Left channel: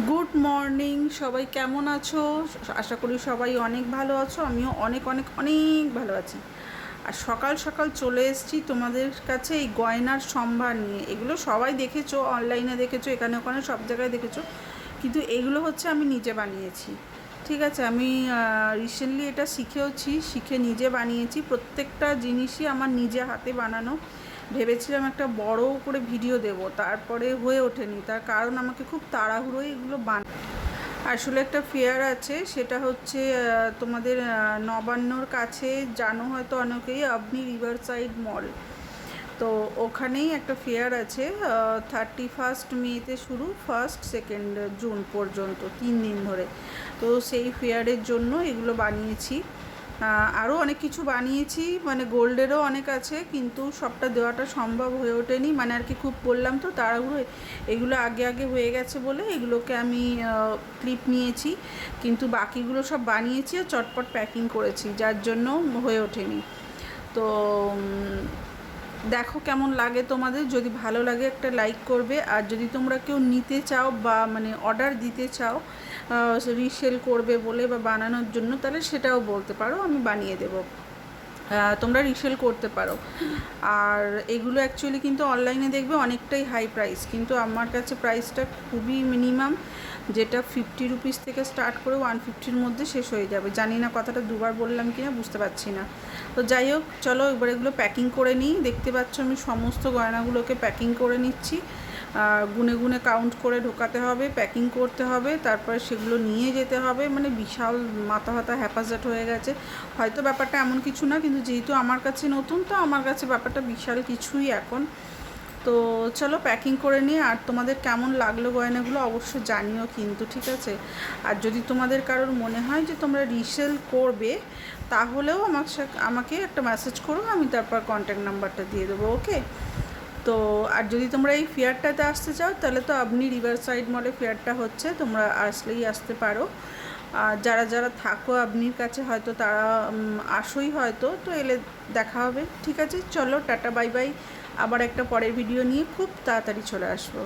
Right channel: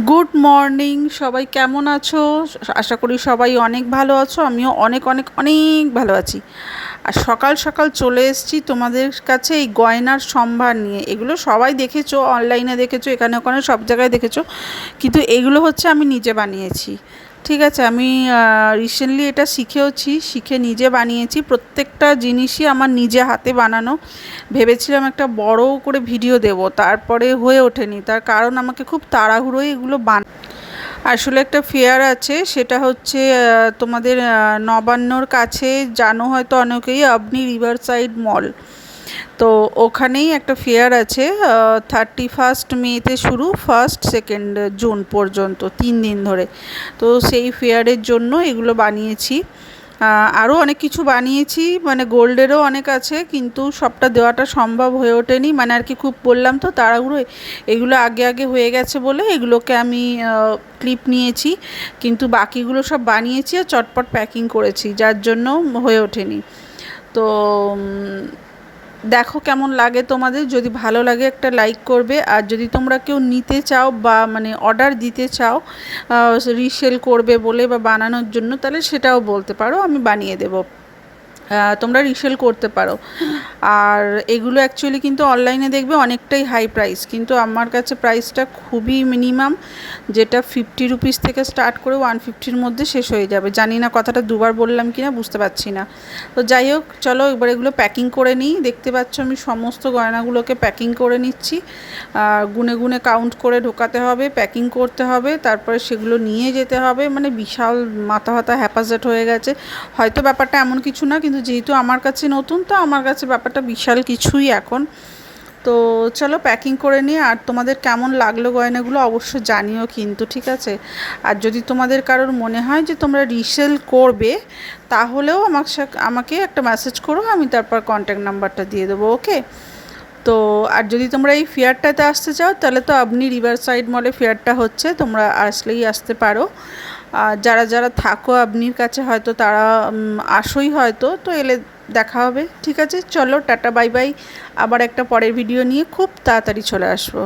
Good morning সবাই কেমন আছো? আশা করি সবাই অনেক ভালো আছো, আমিও অনেক অনেক অনেক ভালো আছি। আর সকাল সকাল চলে এসেছি তোমাদের কাছে এই গয়নার সম্ভার নিয়ে। এগুলো সবাই দেখেছ অনলাইনে দেখেছ, এখানে, ওখানে, সব জায়গায় দেখেছ। কিন্তু এগুলো হচ্ছে আমি নিজে বানিয়েছি। ঠিক আছে, আমি রিসেন্টলি এটা শিখেওছি, শিখে নিজে বানিয়েছি, প্রত্যেকটা জিনিসই আমার নিজে হাতে বানানো। ভেবেছিলাম একটা বড় করে ভিডিও দেব, তারপরে হয়ে ওঠেনি, তার কারণ আমাকে খুব তাড়াহুড়োই এগুলো বান, আসলে একটা ফেয়ার আছে, সেটা হচ্ছে তোমাদের নবান্নর কাছে জানো হয়তো অনেকেই আপনি রিভার সাইড মল তো ওখানেই একটা ফেয়ার আছে থার্টি ফার্স্ট মেতে শুরু ফার্স্ট সেকেন্ড জুন পর্যন্ত, তিন দিন ধরে। তো সেই ফেয়ারের জন্য এগুলো বানিয়েছি। আরও অনেক কিছু বানিয়েছি মানে গোল্ডেরও অনেক আছে, কিন্তু সবটা দেওয়াটা সম্ভব হয়ে ওঠেনি। মানে আর কি খুব বললাম তো, তাড়াহুড়ো, এগুলো আগে আগে হয়ে গেছে বলে এগুলোকে আমি ক্লিপ নিয়েছি, কিন্তু বাকিগুলো সব বানিয়েছি আর চটপট প্যাকিং করেছি, যার জন্য হয়ে ওঠেনি। তো দেখো কেমন লাগে তোমাদের, যদি ভালো লাগে একটা লাইক করবে, আর যদি তোমরা কেউ নিতে চাও বা মানে অর্ডার দিতে চাও রিসেল করবে বলে বা বানানোর জন্য, তাহলে সেটাও বলতে পারো, আমি বানিয়ে দেবো। তোমরা রিসেল করতে পারো। আর এগুলো অ্যাকচুয়ালি কিন্তু অনলাইনে দেখবে অনেকটাই হাই প্রাইস কিন্তু আমার কাছে প্রাইসটা খুবই মিনিমাম যেটা ফিফটি রুপিস থেকে স্টার্ট করে ওয়ান ফিফটির মধ্যে শেষ হয়ে যাবে। জানি না কথাটা দুবার বললাম কি না বুঝতে পারছি না। তো যাই হোক, চলো এবার এগুলো প্যাকিং করে নিই। দেখতে পাচ্ছ আমি সমস্ত গয়নাগুলোকে প্যাকিং করে নিচ্ছি। গুনে গুনে কাউন্ট করে ঢোকাতে হবে প্যাকিং করতে হবে, তারপরে সেগুলো নিয়ে যেতে হবে। মানে বিশাল মাথা হাতা হ্যাপাজেট হয়ে গেছে। হয়তো ব্যাপারটা এমন কিছু না কিন্তু যেহেতু আমার কাছে নতুন, তো আমার কাছে ব্যাপারটা বিশাল কিছুই এখন। তো চলো প্যাকিং করে নিয়ে, আর তোমাদের কেমন লাগল গয়নাগুলো অবশ্যই জানিও কিন্তু, ঠিক আছে? আর যদি তোমাদের কারোর মনে হয় যে তোমরা রিসেল করবে, তাহলেও আমার আমাকে একটা মেসেজ করো, আমি তারপর কন্ট্যাক্ট নাম্বারটা দিয়ে দেবো ওকে তো, আর যদি তোমরা এই ফেয়ারটাতে আসতে চাও, তাহলে তো আপনি রিভার সাইড মলে ফেয়ারটা হচ্ছে, তোমরা আসলেই আসতে পারো। যারা যারা থাকো আপনির কাছে, হয়তো তারা আসোই হয়তো, তো এলে দেখা হবে। ঠিক আছে, চলো, টাটা, বাই বাই। আবার একটা পরের ভিডিও নিয়ে খুব তাড়াতাড়ি চলে আসব।